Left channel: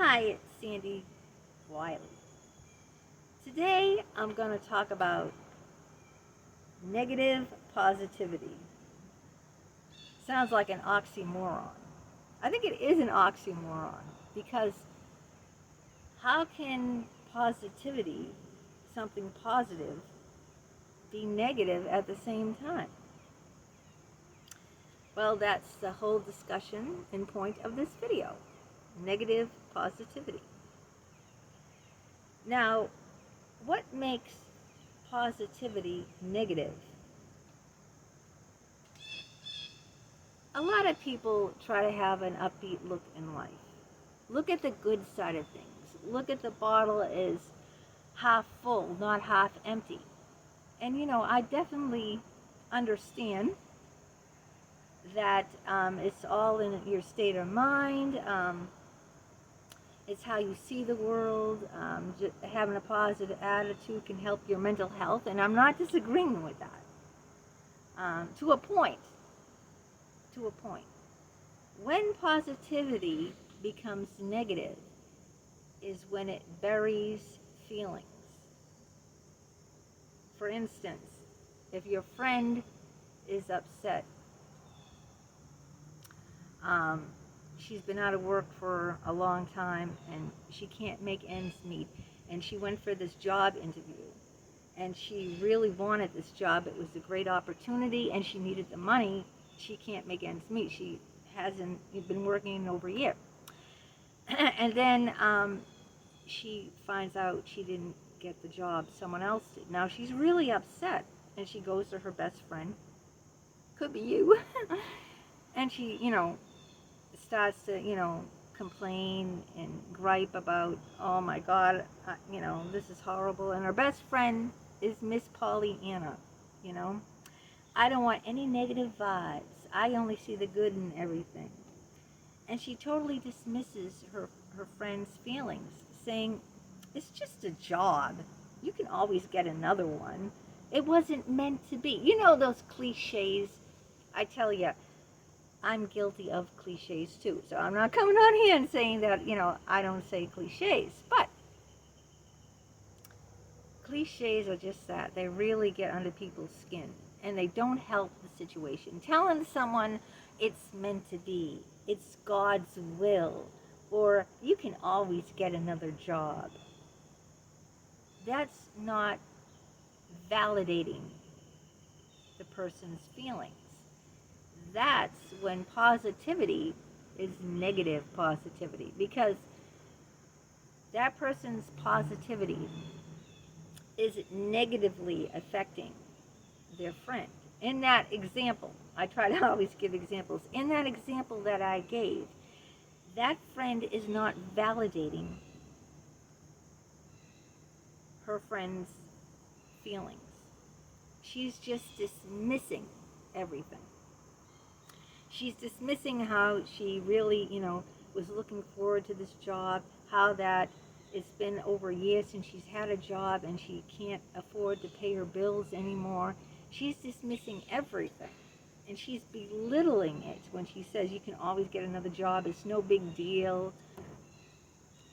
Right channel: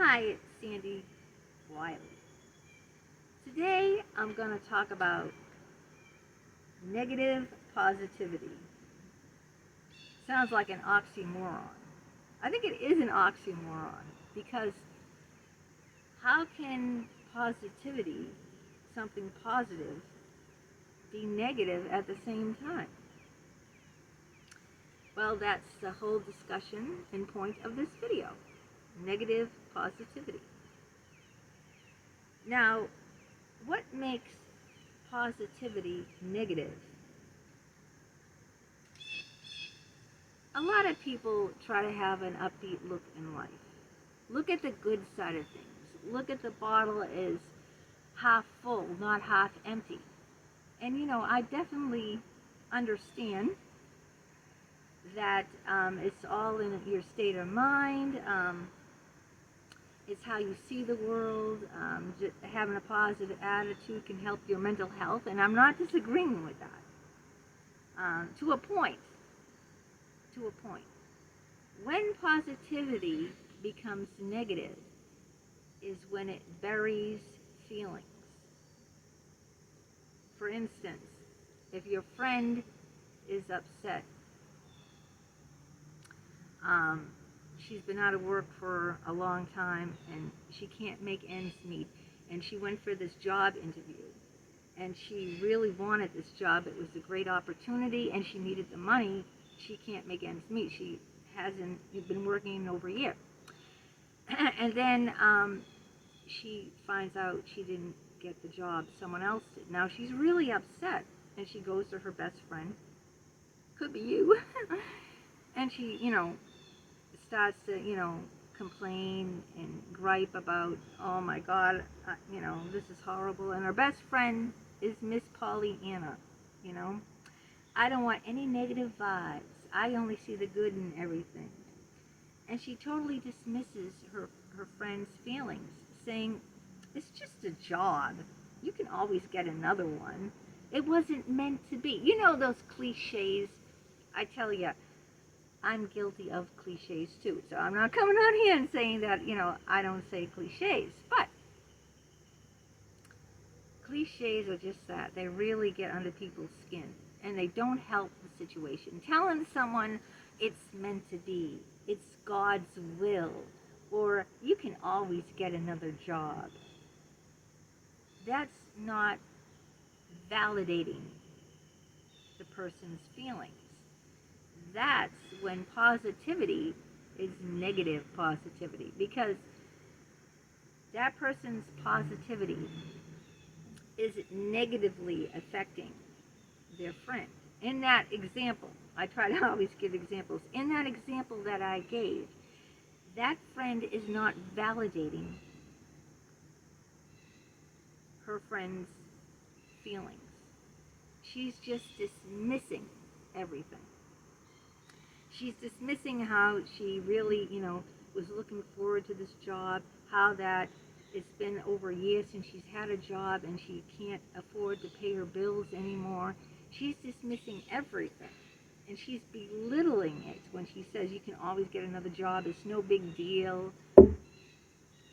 Hi, it's Sandy Wyllie. Today I'm going to talk about negative positivity. Sounds like an oxymoron. I think it is an oxymoron because how can positivity, something positive, be negative at the same time? Well, that's the whole discussion and point of this video. Negative positivity. Now, what makes positivity negative? A lot of people try to have an upbeat look in life. Look at the good side of things. Look at the bottle as half full, not half empty. And I definitely understand that it's all in your state of mind. It's how you see the world. Just having a positive attitude can help your mental health, and I'm not disagreeing with that. To a point. When positivity becomes negative is when it buries feelings. For instance, if your friend is upset, she's been out of work for a long time and she can't make ends meet, and she went for this job interview and she really wanted this job. It was a great opportunity and she needed the money. She can't make ends meet. She hasn't been working in over a year. And then she finds out she didn't get the job, someone else did. Now she's really upset, and she goes to her best friend, could be you, and she, starts to, complain and gripe about, oh my God, this is horrible. And her best friend is Miss Pollyanna, I don't want any negative vibes. I only see the good in everything. And she totally dismisses her friend's feelings, saying, it's just a job. You can always get another one. It wasn't meant to be. Those cliches. I tell you, I'm guilty of cliches too. So I'm not coming on here and saying that, I don't say cliches. But cliches are just that. They really get under people's skin. And they don't help the situation. Telling someone it's meant to be, it's God's will, or you can always get another job. That's not validating the person's feelings. That's when positivity is negative positivity, because that person's positivity is negatively affecting their friend. In that example, I try to always give examples. In that example that I gave, that friend is not validating her friend's feelings. She's just dismissing everything. She's dismissing how she really, was looking forward to this job, how that it's been over a year since she's had a job and she can't afford to pay her bills anymore. She's dismissing everything, and she's belittling it when she says you can always get another job. It's no big deal.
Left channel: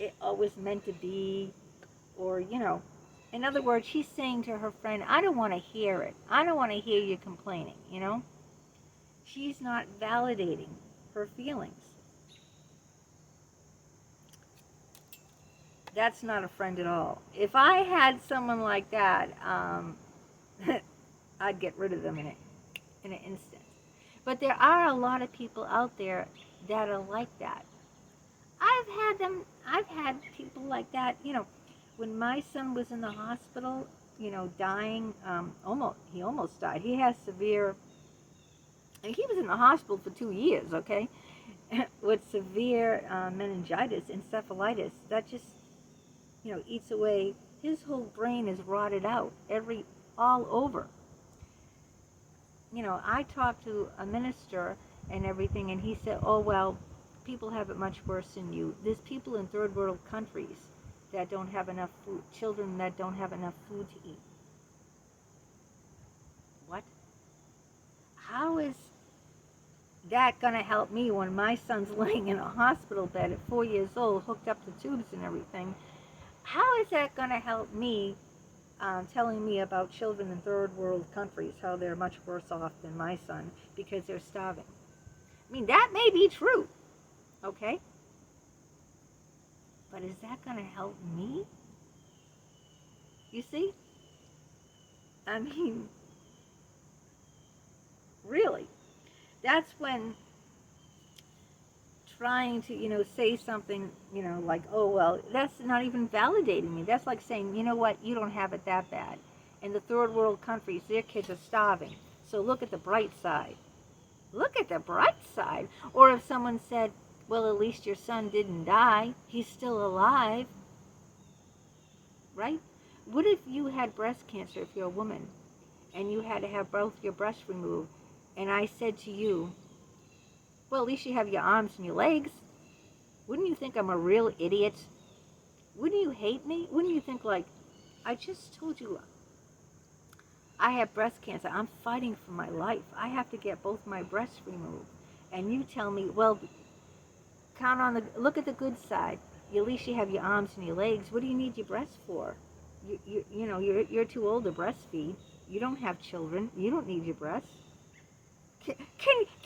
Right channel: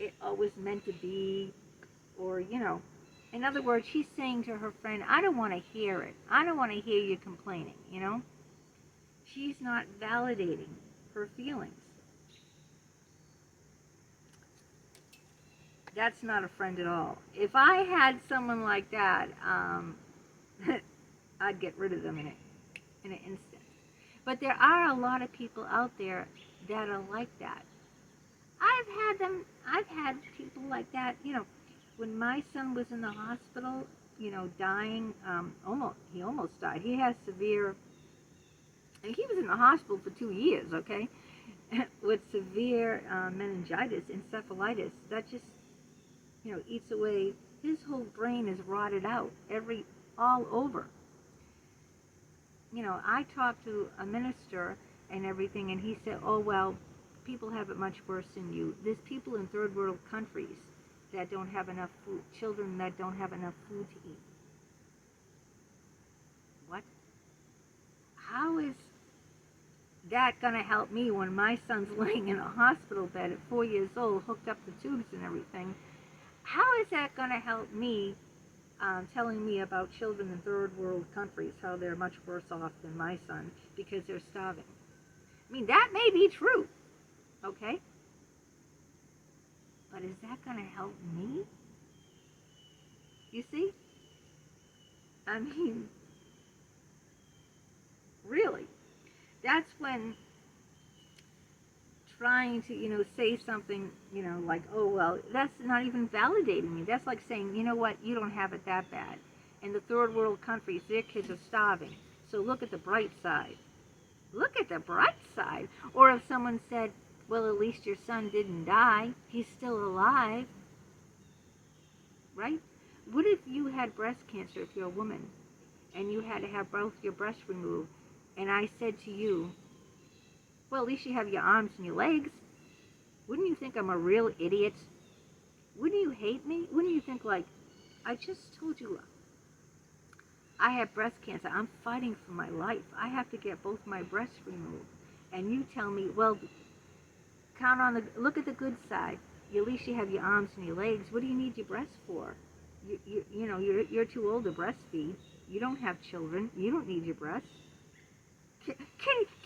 It always meant to be. Or, in other words, she's saying to her friend, I don't want to hear it. I don't want to hear you complaining, She's not validating her feelings. That's not a friend at all. If I had someone like that, I'd get rid of them in an instant. But there are a lot of people out there that are like that. I've had people like that, when my son was in the hospital, dying, he almost died. He has severe, and he was in the hospital for 2 years, okay, with severe meningitis, encephalitis. That just, eats away. His whole brain is rotted out, all over. I talked to a minister and everything, and he said, oh, well, people have it much worse than you. There's people in third world countries that don't have enough food, children that don't have enough food to eat. What? How is that going to help me when my son's laying in a hospital bed at 4 years old, hooked up to tubes and everything? How is that going to help me telling me about children in third world countries, how they're much worse off than my son because they're starving? I mean, that may be true, okay? But is that going to help me? You see? I mean, really. That's when trying to, say something, like, oh, well, that's not even validating me. That's like saying, you know what, you don't have it that bad. In the third world countries, their kids are starving. So look at the bright side. Look at the bright side. Or if someone said, well, at least your son didn't die. He's still alive. Right? What if you had breast cancer, if you're a woman, and you had to have both your breasts removed, and I said to you, well, at least you have your arms and your legs. Wouldn't you think I'm a real idiot? Wouldn't you hate me? Wouldn't you think, like, I just told you I have breast cancer. I'm fighting for my life. I have to get both my breasts removed. And you tell me, well, look at the good side. At least you have your arms and your legs. What do you need your breasts for? You're too old to breastfeed. You don't have children. You don't need your breasts. Can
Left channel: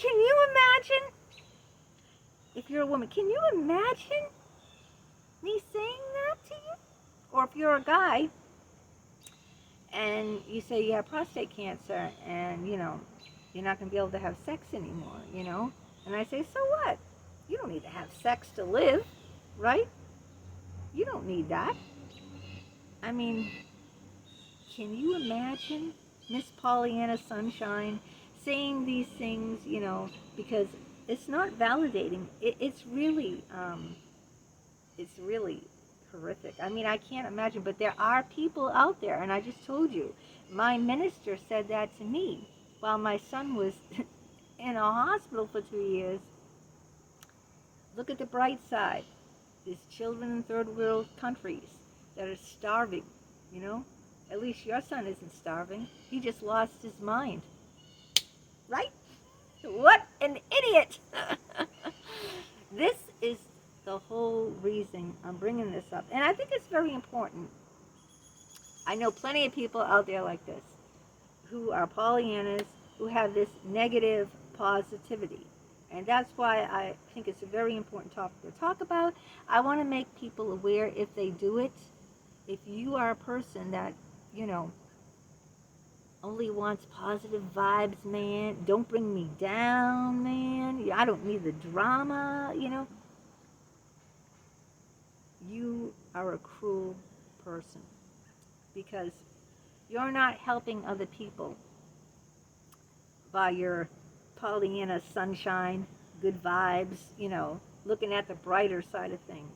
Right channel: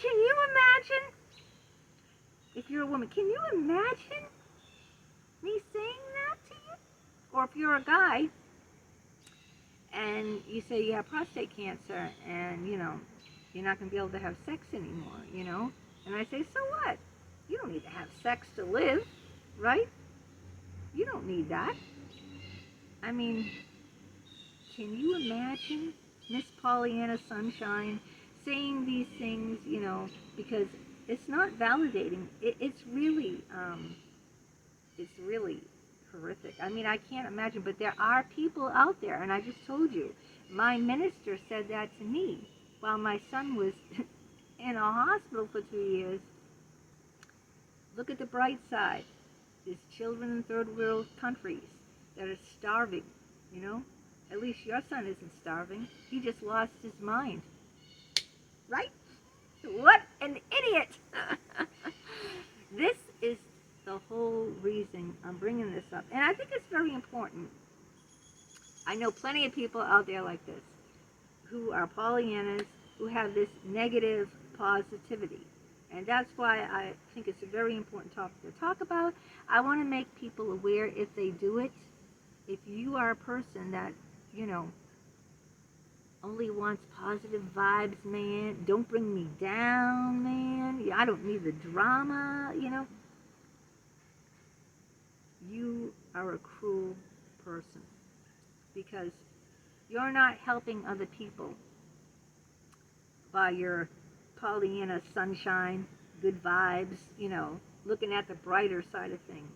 you imagine? If you're a woman, can you imagine me saying that to you? Or if you're a guy and you say you have prostate cancer and, you're not going to be able to have sex anymore, And I say, so what? You don't need to have sex to live, right? You don't need that. I mean, can you imagine Miss Pollyanna Sunshine saying these things, because it's not validating. It's really horrific. I mean, I can't imagine, but there are people out there, and I just told you, my minister said that to me while my son was in a hospital for 2 years. Look at the bright side. There's children in third world countries that are starving, At least your son isn't starving. He just lost his mind. Right? What an idiot! This is the whole reason I'm bringing this up. And I think it's very important. I know plenty of people out there like this who are Pollyannas, who have this negative positivity. And that's why I think it's a very important topic to talk about. I want to make people aware if they do it. If you are a person that, only wants positive vibes, man. Don't bring me down, man. I don't need the drama, You are a cruel person because you're not helping other people by your Pollyanna sunshine, good vibes, looking at the brighter side of things,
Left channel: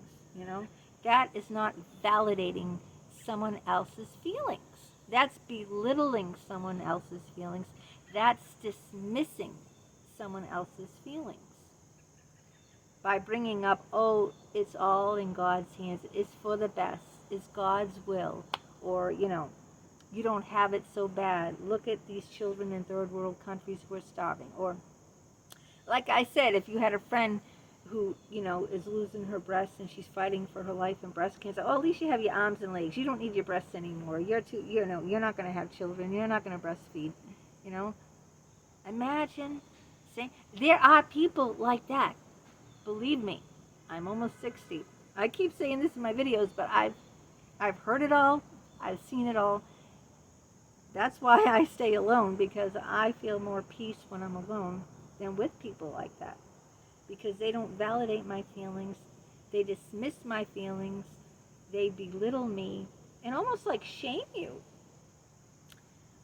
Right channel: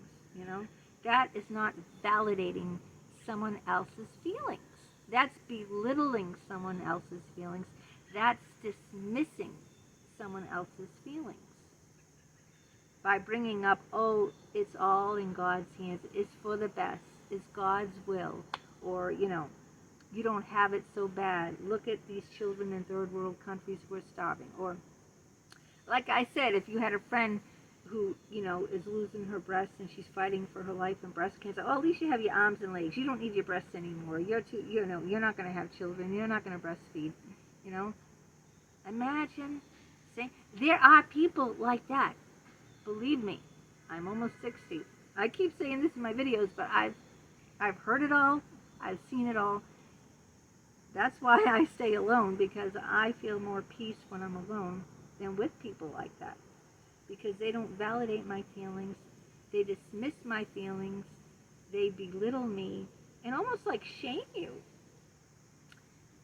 That is not validating someone else's feelings. That's belittling someone else's feelings. That's dismissing someone else's feelings. By bringing up, oh, it's all in God's hands. It's for the best. It's God's will. Or, you don't have it so bad. Look at these children in third world countries who are starving. Or, like I said, if you had a friend who, is losing her breasts and she's fighting for her life in breast cancer, oh, at least you have your arms and legs. You don't need your breasts anymore. You're not going to have children. You're not going to breastfeed, Imagine saying, there are people like that. Believe me, I'm almost 60. I keep saying this in my videos, but I've heard it all. I've seen it all. That's why I stay alone, because I feel more peace when I'm alone than with people like that. Because they don't validate my feelings. They dismiss my feelings. They belittle me and almost like shame you.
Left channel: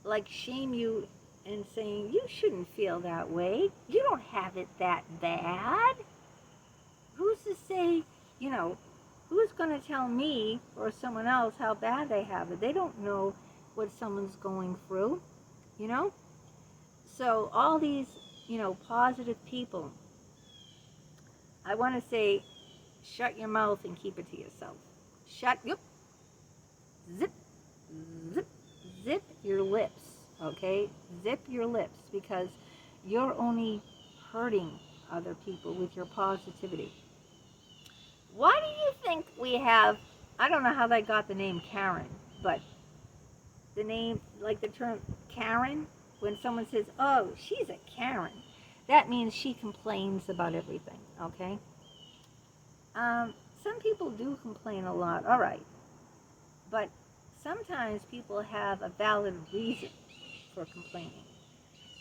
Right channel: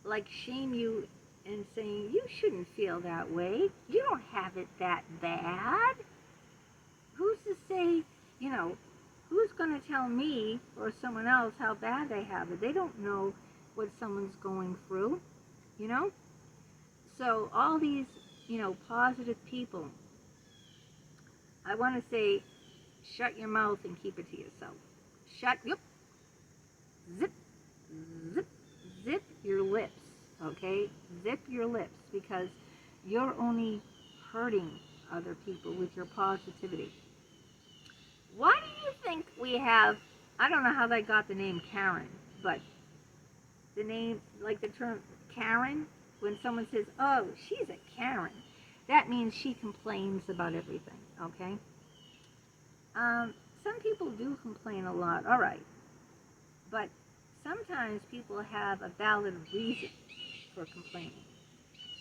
Like shame you and saying, you shouldn't feel that way. You don't have it that bad. Who's to say, who's going to tell me or someone else how bad they have it? They don't know what someone's going through, So all these, positive people, I want to say, shut your mouth and keep it to yourself. Zip, zip your lips, okay? Zip your lips, because you're only hurting other people with your positivity. Why do you think we have, I don't know how they got the name Karen, but the name, like the term Karen, when someone says, oh, she's a Karen, that means she complains about everything, okay? Some people do complain a lot, all right, but sometimes people have a valid reason for complaining,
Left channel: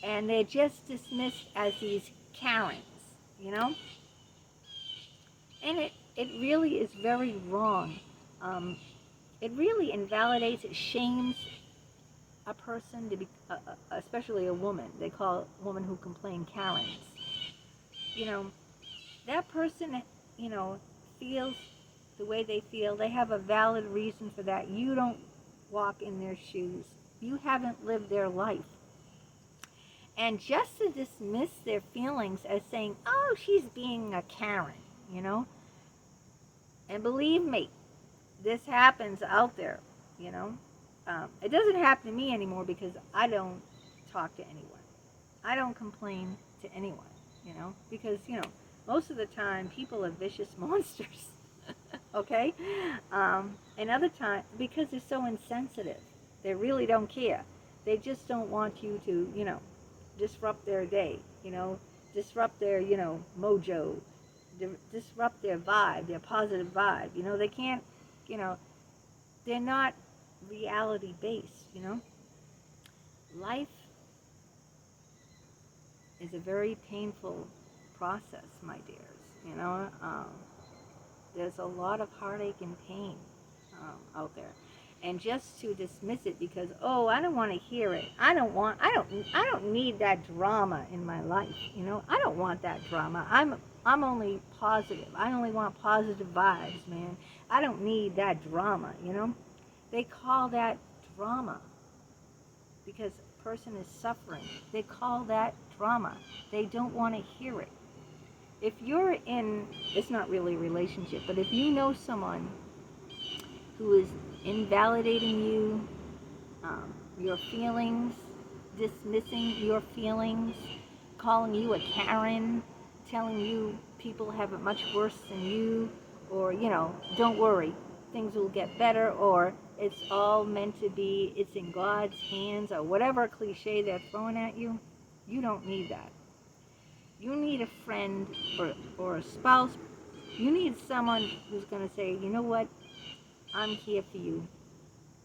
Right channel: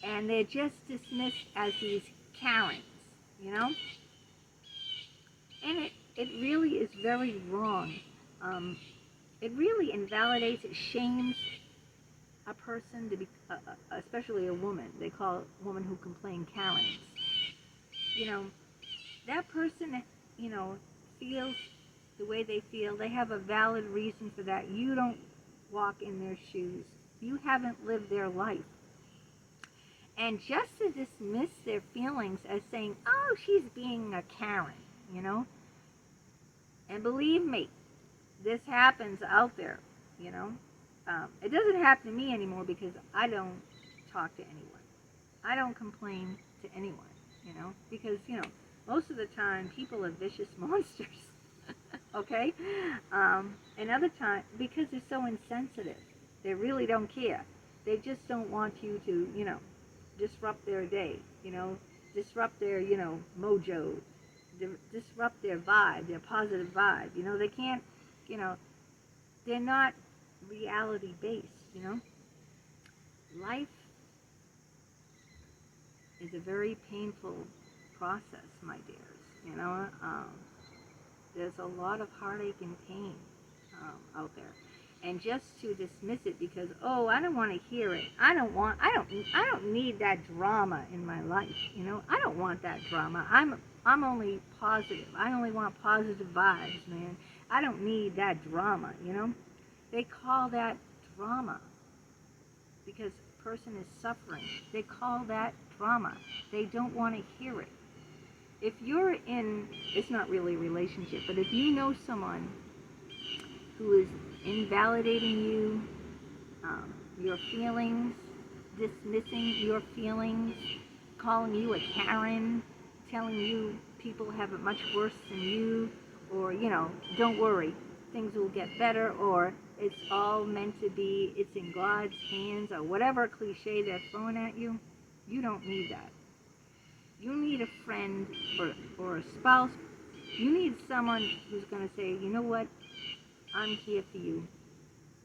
and they're just dismissed as these Karens, you know? And it really is very wrong. It really invalidates, it shames a person to be, especially a woman. They call a woman who complain Karens. You know, that person, you know, feels the way they feel. They have a valid reason for that. You don't walk in their shoes. You haven't lived their life. And just to dismiss their feelings as saying, oh, she's being a Karen, you know. And believe me, this happens out there, you know. It doesn't happen to me anymore because I don't talk to anyone. I don't complain to anyone, you know, because, you know, most of the time people are vicious monsters, okay? And other times, because they're so insensitive, they really don't care. They just don't want you to, you know, disrupt their day, you know, disrupt their, you know, mojo, disrupt their vibe, their positive vibe. You know, they can't, you know, they're not reality based, you know. Life is a very painful process, my dears, you know. There's a lot of heartache and pain out there. And just to dismiss it because, oh, I don't want to hear it. I don't need that drama in my life, you know. I don't want that drama. I'm only positive. I only want positive vibes, man. I don't need that drama, you know. They call that drama because a person is suffering. They call that drama. They don't want to hear it. If you're in, it's not really a relationship, but if you know someone who is invalidating you, your feelings, dismissing your feelings, calling you a Karen, telling you people have it much worse than you, or, you know, don't worry, things will get better, or it's all meant to be, it's in God's hands, or whatever cliche they're throwing at you, you don't need that. You need a friend or a spouse. You need someone who's going to say, you know what, I'm here for you.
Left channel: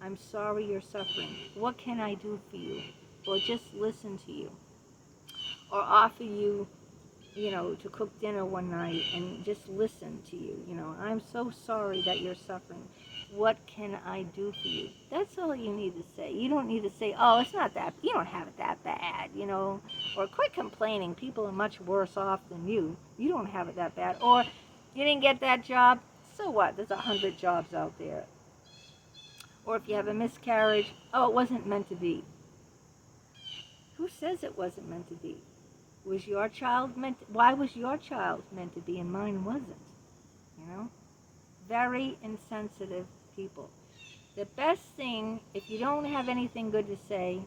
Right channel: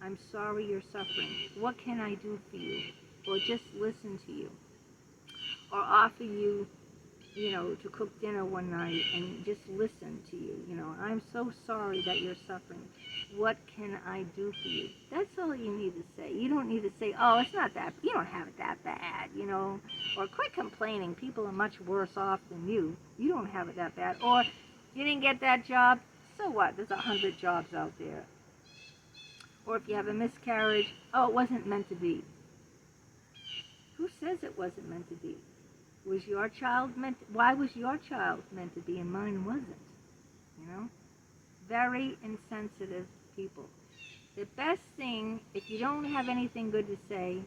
I'm sorry you're suffering. What can I do for you? Or just listen to you. Or offer you, you know, to cook dinner one night and just listen to you. You know, I'm so sorry that you're suffering. What can I do for you? That's all you need to say. You don't need to say, oh, it's not that, you don't have it that bad, you know. Or quit complaining. People are much worse off than you. You don't have it that bad. Or you didn't get that job. So what? There's 100 jobs out there. Or if you have a miscarriage, oh, it wasn't meant to be. Who says it wasn't meant to be? Was your child meant to, why was your child meant to be and mine wasn't? You know? Very insensitive people. The best thing, if you don't have anything good to say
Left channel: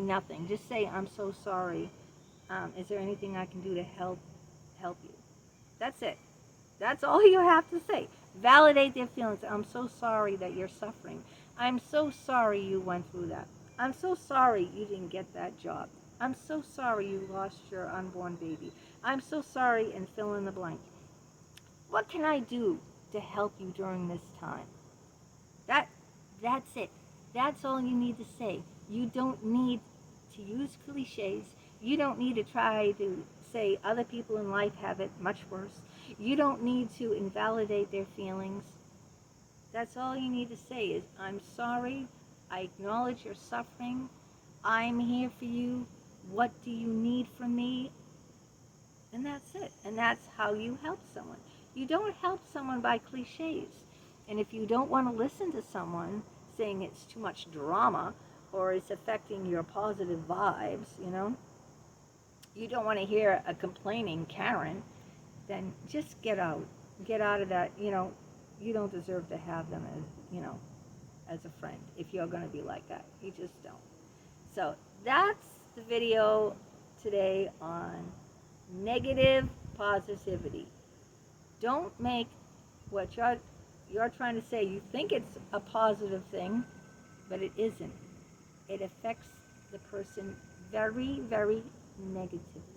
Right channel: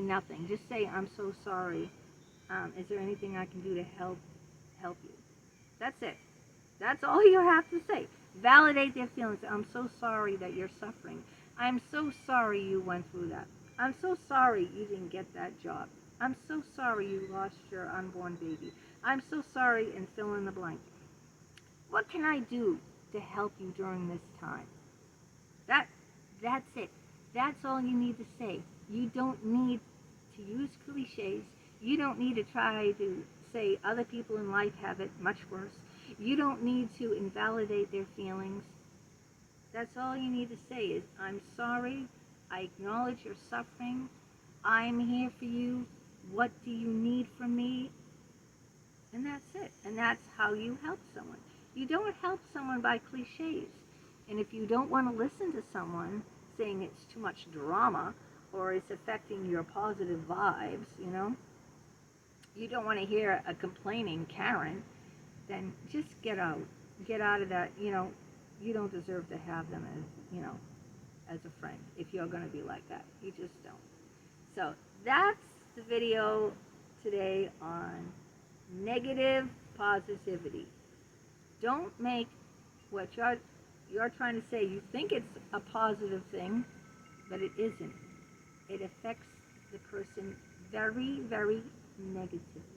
nothing. Just say, I'm so sorry. Is there anything I can do to help you? That's it. That's all you have to say. Validate their feelings. I'm so sorry that you're suffering. I'm so sorry you went through that. I'm so sorry you didn't get that job. I'm so sorry you lost your unborn baby. I'm so sorry, and fill in the blank. What can I do to help you during this time? That's it. That's all you need to say. You don't need to use cliches. You don't need to try to say other people in life have it much worse. You don't need to invalidate their feelings. That's all you need to say is, I'm sorry, I acknowledge your suffering, I'm here for you, what do you need from me? And that's it. And that's how you help someone. You don't help someone by cliches. And if you don't want to listen to someone saying it's too much drama or it's affecting your positive vibes, you know, you don't want to hear a complaining Karen, then just get out. Get out of that, you know. You don't deserve to have them as, you know, as a friend if you're going to be like that. You just don't. So that's the video today on negative positivity. Don't make what you're trying to say, you think it's a positive thing, but it isn't. It affects the person very, very negatively.